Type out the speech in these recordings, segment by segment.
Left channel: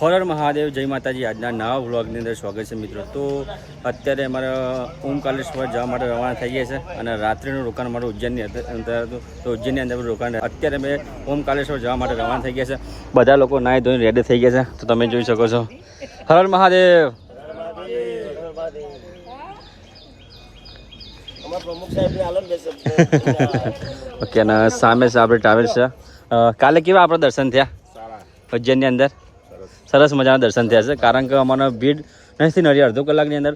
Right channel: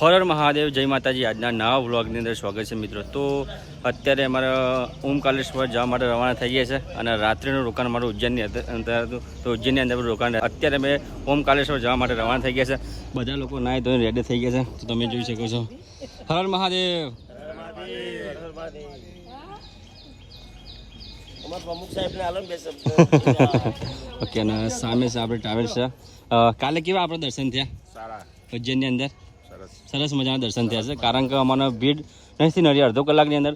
હર મહાદેવ, જય માતાજી। આજના નવા વ્લોગની અંદર સ્વાગત છે મિત્રો। તો અત્યારે અમારા ઓમકાલેશ્વર જવા માટે રવાના થઈ ગયા છે અને રાત્રિનું રોકાણ અમારું ઉજ્જૈનની અંદર હતું। તો ઉજ્જૈનની અંદર રોકાણ અત્યારે અમે ઓમકાલેશ્વર જવા માટે રવાના થઈ ગયા છે। બધા લોકો નાહી ધોઈને રેડી થઈ ગયા છે, તો તમે જોઈ શકો છો। હર મહાદેવ। ઓકે, અને સામે છે આપણે ટ્રાવેલ્સ છે। કાલે કેવા આપણે દર્શન થયા ઉજ્જૈનની અંદર? સરસ મજાના દર્શન થયા છે, કારણ કે અમારો ભીડ નથી નડી। અડધો કલાકની અંદર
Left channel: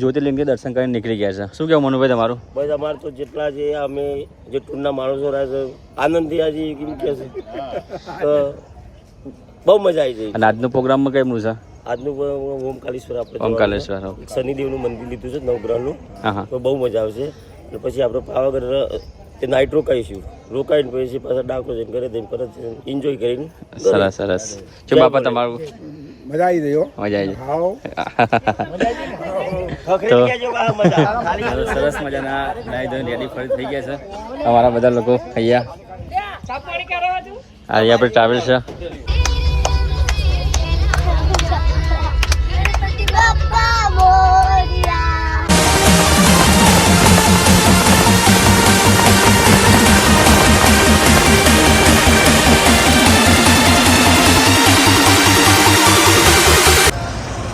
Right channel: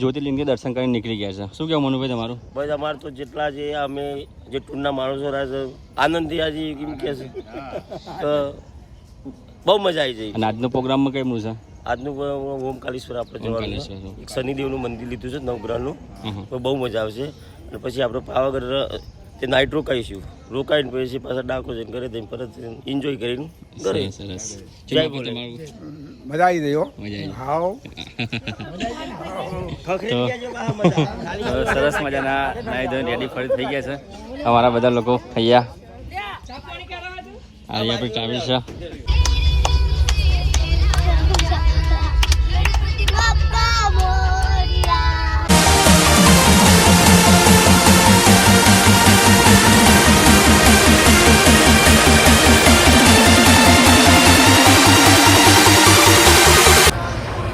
જ્યોતિર્લિંગથી દર્શન કરીને નીકળી ગયા છે। શું કહેવું મનુભાઈ તમારું? બસ અમારે તો જેટલા જે અમે જે ટૂરના માણસો રહ્યા છે આનંદથી આજે કેમ કે છે તો બહુ મજા આવી જાય। અને આજનો પ્રોગ્રામમાં કેમનું છે? આજનું ઓમકાલેશ્વર આપણે ઓમકાલેશ્વર શનિદેવનું મંદિર લીધું છે, નવગ્રહનું। હા, તો બહુ મજા આવશે। એટલે પછી આપણે પાવાગઢ તે નાઇટ રોકાઈશું, રોકાઈને પછી પાછા ડાકો જઈને ઘરે જઈને પરત એન્જોય કરીને। સરસ સરસ। શું બાપા તમારું? મજા આવી ગઈ, મજા આવી તો સરસ મજાના નાઈ ધોઈને રેડી ફરી થઈ ગયા છે અમારા બધા લોકો। અહીંયા આપણે ટ્રાવેલ છે।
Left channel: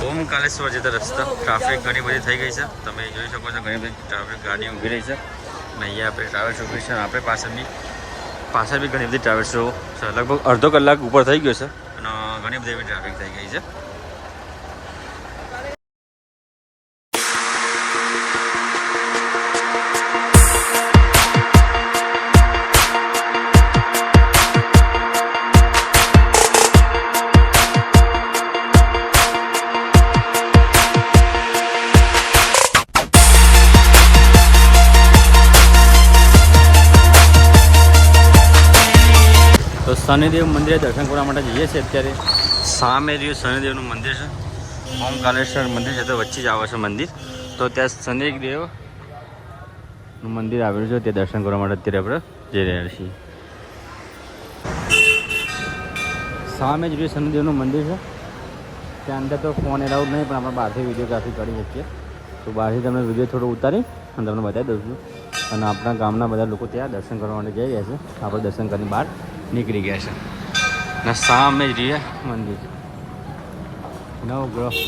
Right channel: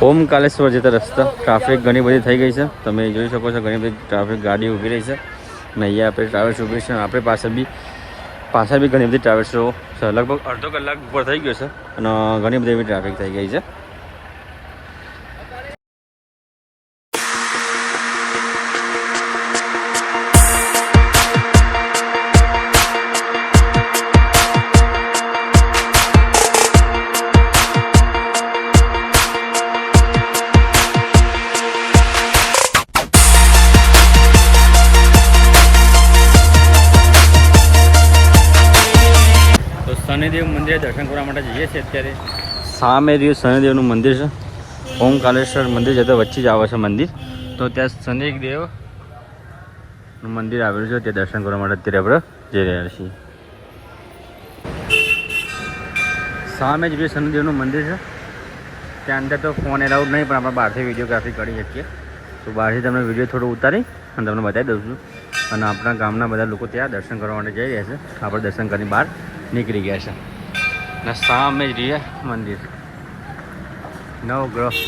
ઓમકાલેશ્વર જતા રસ્તા ટ્રાફિક ઘણી બધી થઈ ગઈ છે, તમે જોઈ શકો છો। ઘણી બધી ટ્રાફિક ગાડી ઊભી રહી છે અને અહીંયા આપણે ટ્રાવેલ્સ ઊભી છે। આપણી પાછળ બી ઘણી બધી ટ્રાવેલ્સો છે। લગભગ અડધો કલાક ઉપર થઈ ગયો છે અને ઘણી બધી એવી ટ્રાફિક થઈ ગઈ છે। શનિદેવ મંદિરે દર્શન કરવા માટે જઈએ છીએ। અત્યારે સામે રહ્યું શનિદેવનું મંદિર છે। ઓમકાલેશ્વર મંદિર જતાં વચ્ચે જ આવે છે મંદિર, તો ત્યાં શનિદેવનું મંદિર આવેલું છે। ત્યાં દર્શન કરવા માટે અત્યારે આપણે જઈ રહ્યા છીએ। સામે જ રહ્યું શનિદેવનું મંદિર છે। ત્યાં અંદર તો ફોન એલાઉડ નહીં, પણ આપણે બહારથી વિડીયોગ્રાફી કરી શકીએ। તો બહારથી તમને વિડીયો થોડો ઉતારી અને તમને બતાવી દઉં છું। અને આપણા ગામના બધા લોકો ત્યાં દર્શન કરવા માટે જઈ રહ્યા છે। આપણે દર્શન કરીને બહાર નીકળી ગયા છે અને સામે જ રહ્યા મંદિર નવગ્રહ।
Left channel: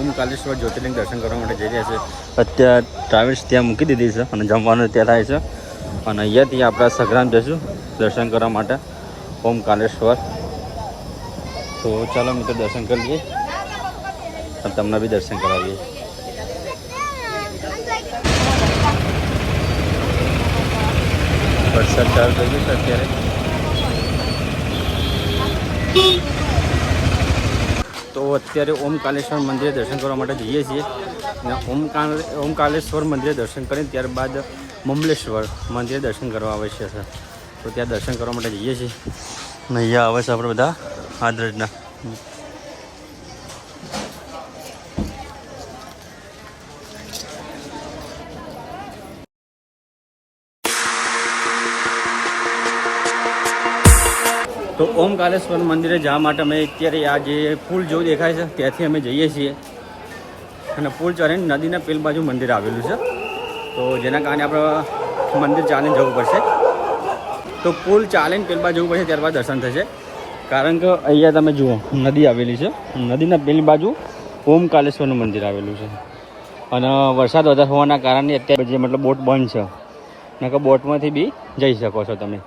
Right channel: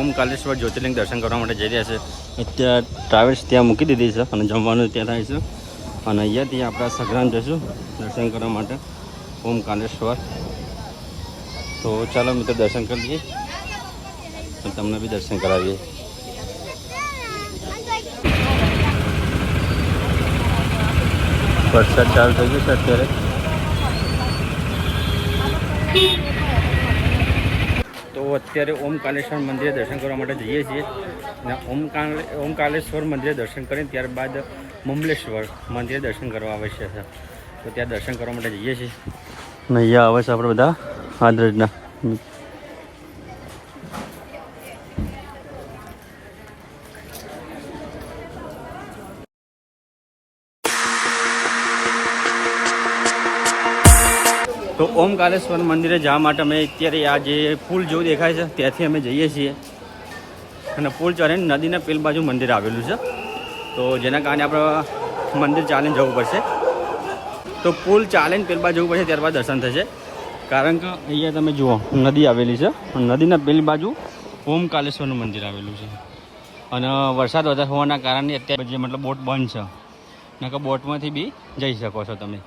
ઓમકાલેશ્વર જ્યોતિર્લિંગ દર્શન કરવા માટે જઈ રહ્યા છે। અત્યારે ટ્રાવેલ્સ ત્યાં મૂકી દીધી છે અને જમવાનું ત્યાં થાય છે। અને અહીંયાથી આપણા સઘરામ જઈશું દર્શન કરવા માટે ઓમકાલેશ્વર। તો ચાલો મિત્રો દર્શન કરી લઈએ અને તમને બી દર્શન કરાવીએ। વરસાદ ચાલુ થઈ ગયો છે અત્યારે। તો અત્યારે ઓમકાલેશ્વર મંદિરે દર્શન કરવા માટે જઈએ છીએ અને ઓમકાલેશ્વર મંદિરે દર્શન કરીને ત્યારબાદ મમલેશ્વર મંદિરે દર્શન કરવા આવશ્યક છે। તો ત્યાં દર્શન કરવા માટે જઈએ છીએ અને અહીંયા આવે છે આપણે બધા આદરજના। તો ઓમકાલેશ્વર મંદિરે જવા માટે અમે અત્યારે આ જે પુલ જેવું દેખાય છે ત્યાંથી અમે જઈએ છીએ અને પુલ ચડીને નદીના પેલ બાજુ મંદિર આવેલું છે। તો જેના કારણે આપણે મંદિર ચાલીને જવું પડશે। તો પુલ ચાલીને પેલ બાજુ જવું પડશે, ત્યારબાદ દર્શન થશે। કારણ કે અહીંયા તમે જુઓ નદી આવેલી છે, નદીના પેલ બાજુ ઓમકાલેશ્વરનું મંદિર આવેલું છે। અને વરસાદ વધારે હોવાના કારણે અત્યારે જે મતલબ બોટ બંધ છે, નકર બોટમાંથી બી જઈ શકો છો તમે।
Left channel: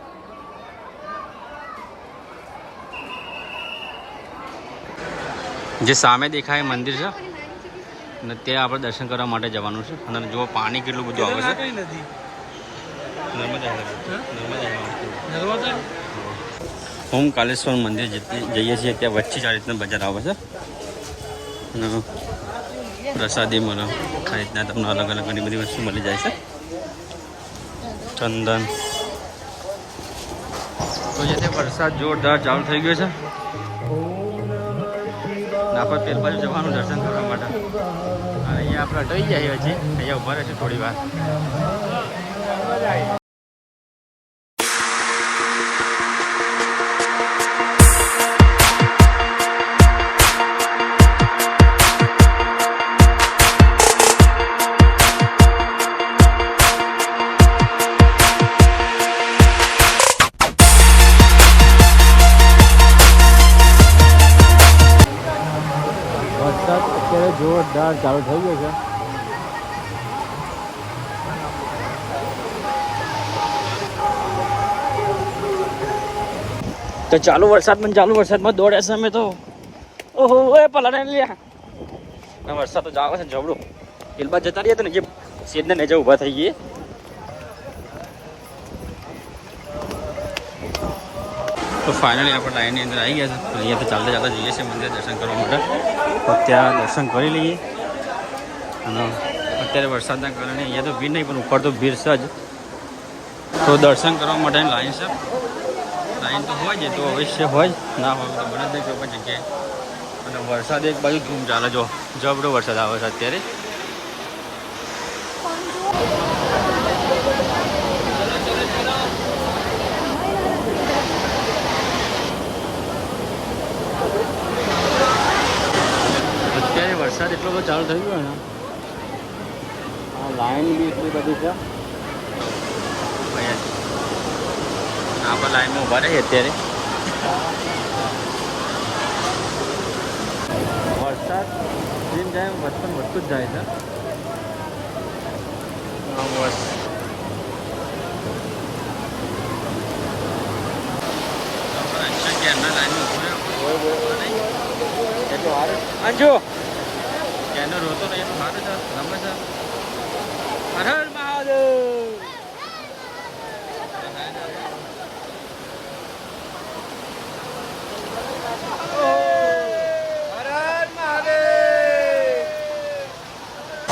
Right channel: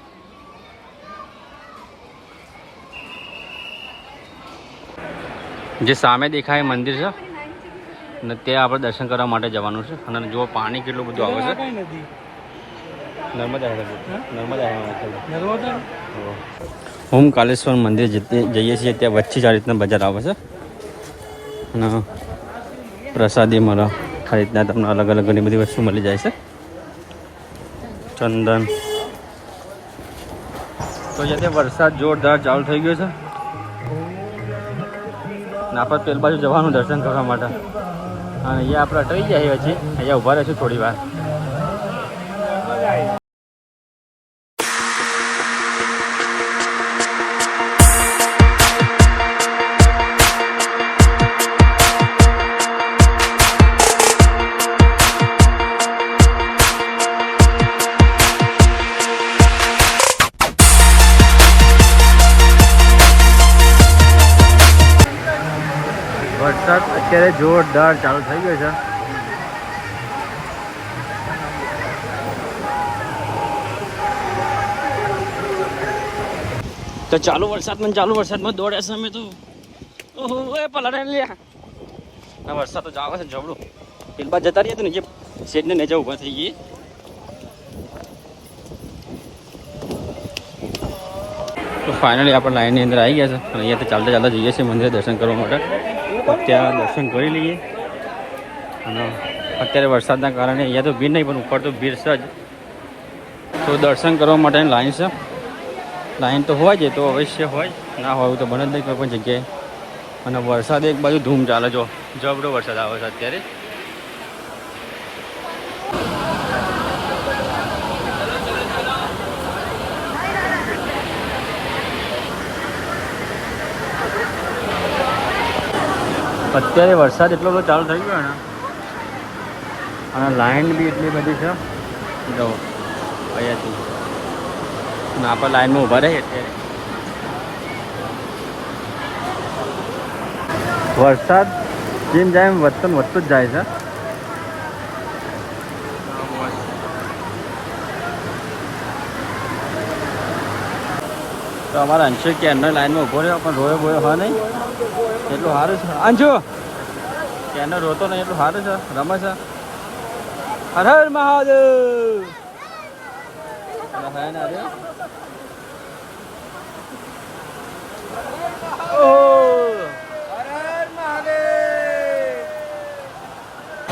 જે સામે દેખાય મંદિર છે અને ત્યાં આપણે દર્શન કરવા માટે જવાનું છે। અને જો પાણી કેટલું બધું આવે છે। નર્મદા નર્મદા ઓમકારેશ્વર મંદિર જઈએ છીએ ત્યાં વચ્ચે જ આ રીતના બજાર આવે છે અને પ્રસાદી મળે આ રીતના તમને અલગ અલગ ઘણી બધી વસ્તુ મળી જાય છે. ચંદન તો જ્યાંથી વરસાદ જોરદાર ચાલુ થઈ ગયો છે ને આપણે પેલ બાજુ જવાનું દર્શન કરવા માટે અને અહીંયા આપણે અટકી જાય હજી અહીંયા ઊભા રહીશું થોડી વાર. વરસાદ અત્યારે જોરદાર ચાલુ થઈ ગયો છે. તો ચાલુ વરસાદમાં દોડ્યા છે અમે તો. ઓહો એ પલાડે લ્યા વરસાદ તો જાવે છે જબરું. પેલબા જતા રહીએ તો ને જે શેડને નીચે ઊભા થઈ ગઈએ. તો ફાઇનલી આપણે લાઈનની અંદર આવી ગયા છે. અહીંયાથી ચાલતા ચાલતા જઈએ છીએ મંદિરે દર્શન કરવા માટે. તો ત્યાં દર્શન કરી લઈએ અને અત્યારે વરસાદના કારણે અહીંયા તો ભીડ નહીં પણ ઉપર તો ભીડ છે જ. તો દર્શન કરવા માટેની લાઈન છે. લાઈન તો હોય જ તો અવશ્ય હોય ના હોય તો બને જ નહીં કોઈ પણ જગ્યાએ. અને વરસાદ એક બાજુ ધૂમ ચાલે જો જબરો વરસાદ આવે છે અત્યારે. અત્યારે વરસાદ એટલો બધો ચાલુ થઈ ગયો ને અને લાઈન બી એટલી બધી છે જો અહીંયાથી અને આપણે લાઈનમાં ઊભા રહીએ અત્યારે. વરસાદ જેમ જાય એમ વધતું જ જાય છે. તો અમારા અંશુ કે એમના લાઈનમાં ઊભો રહ્યો પણ રોયો હા નહીં એટલું સારું છે. અંશુ કેનો રોતો નહીં એટલું સારું છે રમે છે. હર હર મહાદેવ.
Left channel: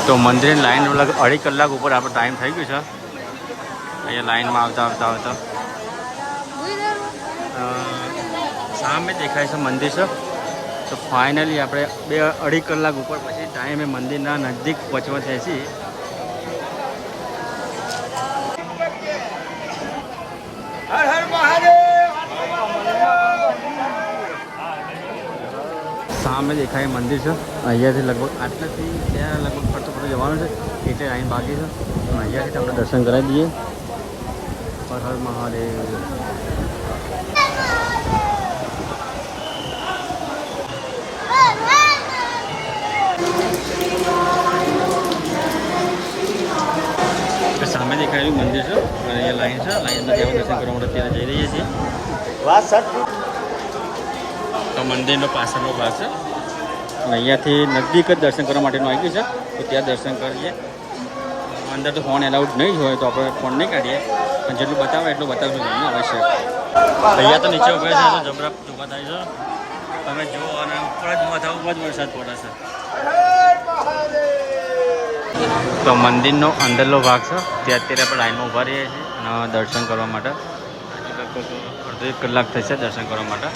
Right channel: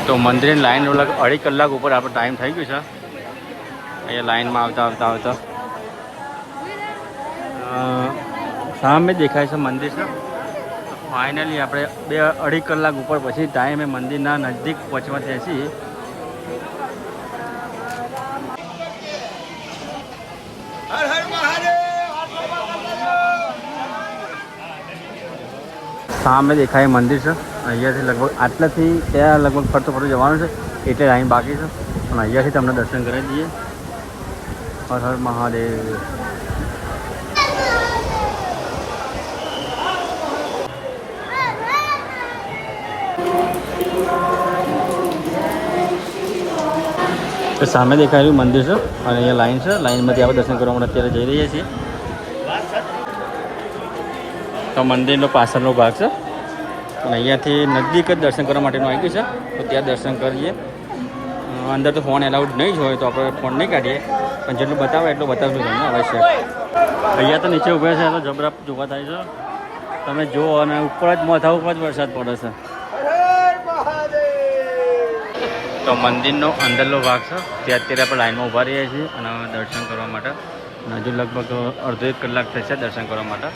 તો મંદિરની લાઈન અઢી કલાક ઉપર આપણો ટાઈમ થઈ ગયો છે. અહીંયા લાઈનમાં આવતા સામે દેખાય છે મંદિર છે. તો ફાઇનલી આપણે અઢી કલાક ઉપર પછી ટાઈમે મંદિરના નજદીક પહોંચવા થયા છીએ. હર હર મહાદેવ. સામે દેખાય મંદિર છે. અહીંયાથી લગભગ આટલાથી ત્યાં લગભગ ફરતો જવાનું છે એટલે લાઈન બાકી છે પણ અહીંયાથી તમને દર્શન કરાવી દઈએ. હર હર મહાદેવ. તો સામે દેખાયેલું મંદિર છે અને અહીંયા લાઈન છે. લાઈનમાંથી આપણે દર્શન કરવા માટે અત્યારે જઈ રહ્યા છીએ. તો મંદિરનો પાછળનો ભાગ છે. અહીંયાથી નજદીક જ દર્શન કરવા માટે આવી છે. ત્યાં દર્શન કરીએ. અંદર તો ફોન એના નહીં કાઢીએ જેનું બતાવે એટલું બતાવવું જોઈએ અવશ્ય. અહીંયા તો નીચે ઊભા છે તો જબરા જોવા થાય છે. તમે જુઓ અને ઉપર જ માથા ઉપર જ વરસાદ પડે છે. તો મંદિરનો અંદરનો ભાગ છે ત્યાં અત્યારે આપણે લાઈનમાં ઊભા રહીએ છીએ અને દર્શન કરવા માટે. હજુ લગભગ અડધો 1 કલાક થશે દર્શન કરવા માટે.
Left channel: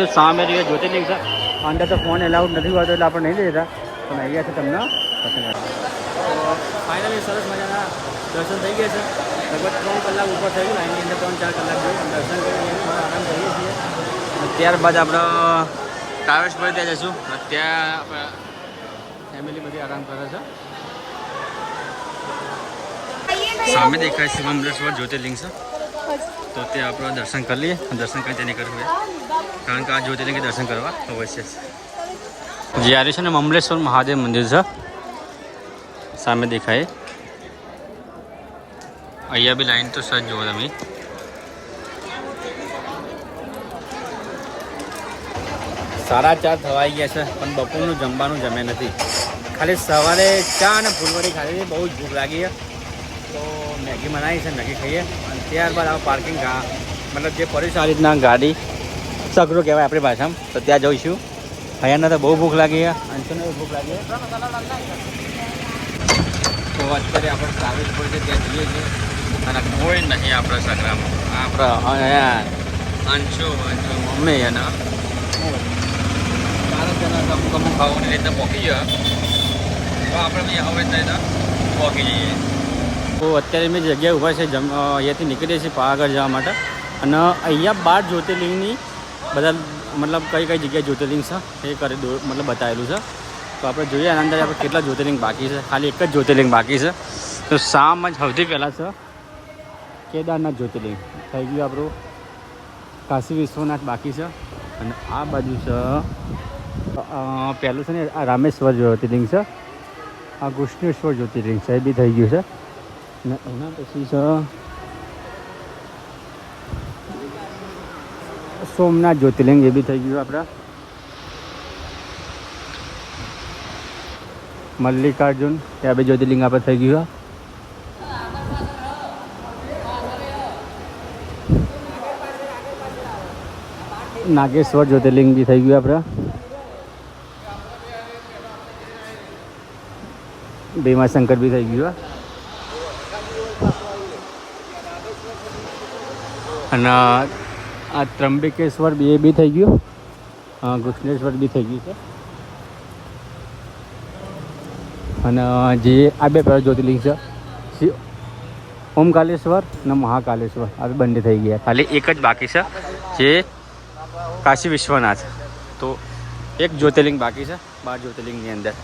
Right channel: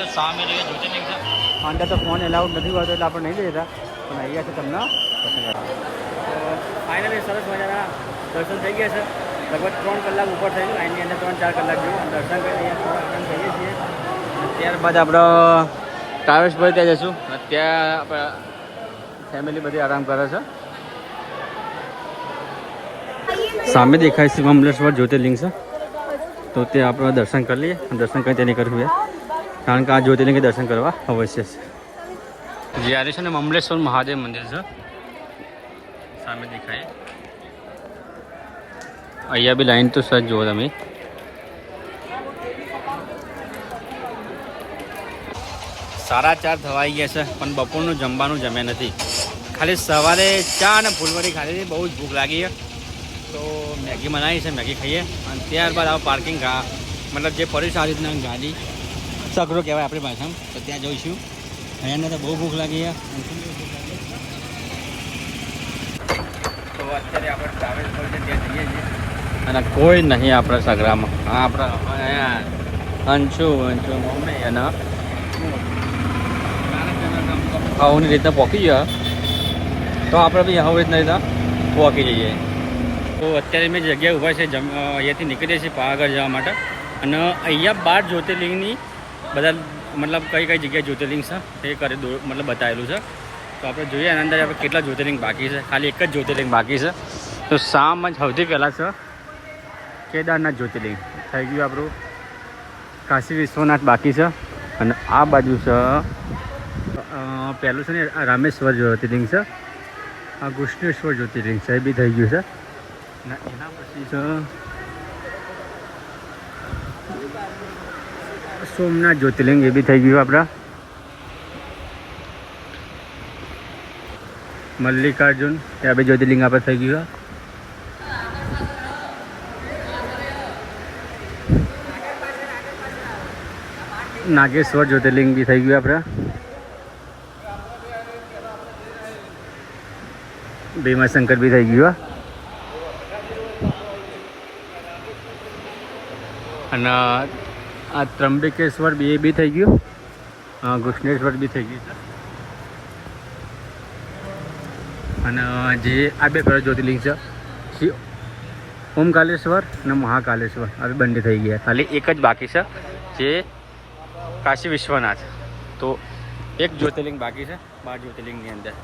કીધું સામે જે જ્યોતિર્લિંગ છે અંદર તો ફોન એલાઉડ નથી હોતો એટલે આપણે નહીં લેતા પણ અહીંયાથી તમને પસંદ તો ફાઇનલી સરસ મજાના દર્શન થઈ ગયા છે. લગભગ 3 કલાક ઉપર થઈ ગયું. લાઈનની અંદર 3-4 કલાક જેવું દર્શન કરીને અહીંયા થોડો આરામ કરીએ છીએ. અને ત્યારબાદ આપણે ટ્રાવેલ્સ પર ત્યાં જઈશું. અને ત્યાં આપણે ફેમિલી બધી આરામ કરે છે. સામે દેખાય છે મમલેશ્વર જ્યોતિર્લિંગ છે તો તે આપણે દર્શન કરી લઈએ. દર્શન કરી તેને કરવું કારણ કે આ જ્યોતિર્લિંગે દર્શન કરવા અવશ્ય છે. જ્યારે છે ને મમલેશ્વર મહાદેવ મંદિર છે સામે દેખાય. અહીંયા બી લાઈન તો સજ જુઓ તમે. સાડા 4 થવાઈ ગયા છે પણ બપોરનું જમવાનું જમે નથી. ખાલી સવારે ચા અને ફૂલવડી ખાધી બહુ જ ભૂખ લાગી છે તો મેગી બનાવી છે, મેગી ખાઈએ અને ત્યારબાદ આ પાર્કિંગ મતલબ જે પડી છે આ રીતના ગાડી સગરો કહેવાય આપણી ભાષામાં તો ત્યાં જઈશું. અહીંયાના તો બહુ ભૂખ લાગી છે. અંશુને બહુ ભૂખ લાગી તો અત્યારે આપણે ટ્રાવેલ્સ પર છે ત્યાં જઈએ છીએ અને કોઈ નહીં આપણા સગરામાં. આપણા અહીંયા અંશુ મમ્મી અને 4 જણા અમુક ખાવાની રીતના પહોંચી ગયા તો આપણે બી હવે જ નહીં પહોંચી જઈએ. તો અત્યારે મેં જગ્યાએ ઊભા છે અહીંયાથી નીકળીએ છીએ પાવાગઢ જવા માટે અને અહીંયા 12 જ્યોતિર્લિંગની બધા મતલબ કઈ કઈ જગ્યાએ જ્યોતિર્લિંગ છે એ કરી મતલબ બતાવેલું છે. તો આપણે જોઈએ આના અંદર આપણે કેટલા જ્યોતિર્લિંગ બાકી છે. ખાલી એક જ જ્યોતિર્લિંગ બાકી છે. તો સામ જ સૌથી પહેલાં છે કેદારનાથ જ્યોતિર્લિંગ થઈ ગયું આપણું. કાશી વિશ્વનાથ બાકી છે અને આ બાજુ છે પહેલું છે ને આ રામેશ્વર જ્યોતિર્લિંગ છે. આ કૃષ્ણેશ્વર જ્યોતિર્લિંગ છે એ બી થઈ ગયું છે. અને એના પછી છે સોમનાથ જ્યોતિર્લિંગ એ બી થઈ ગયું આપણા. મલ્લિકાર્જુન ત્યાં બી જ્યોતિર્લિંગ આપણે થઈ ગયું. નાગેશ્વર જ્યોતિર્લિંગ બી થઈ ગયું આપણે. ભીમાશંકર બી થઈ ગયું અને આ ત્રંબકેશ્વર બી એ બી થઈ ગયું. કૃષ્ણેશ્વર બી થઈ ગયું છે અને જે આ બે જ્યોતિર્લિંગ છે શ્રી ઓમકાલેશ્વર અને મહાકાલેશ્વર આ બંને થઈ ગયા. ખાલી એક જ બાકી છે જે કાશી વિશ્વનાથ. તો એક જ્યોતિર્લિંગ બાકી છે 12 જ્યોતિર્લિંગની અંદર.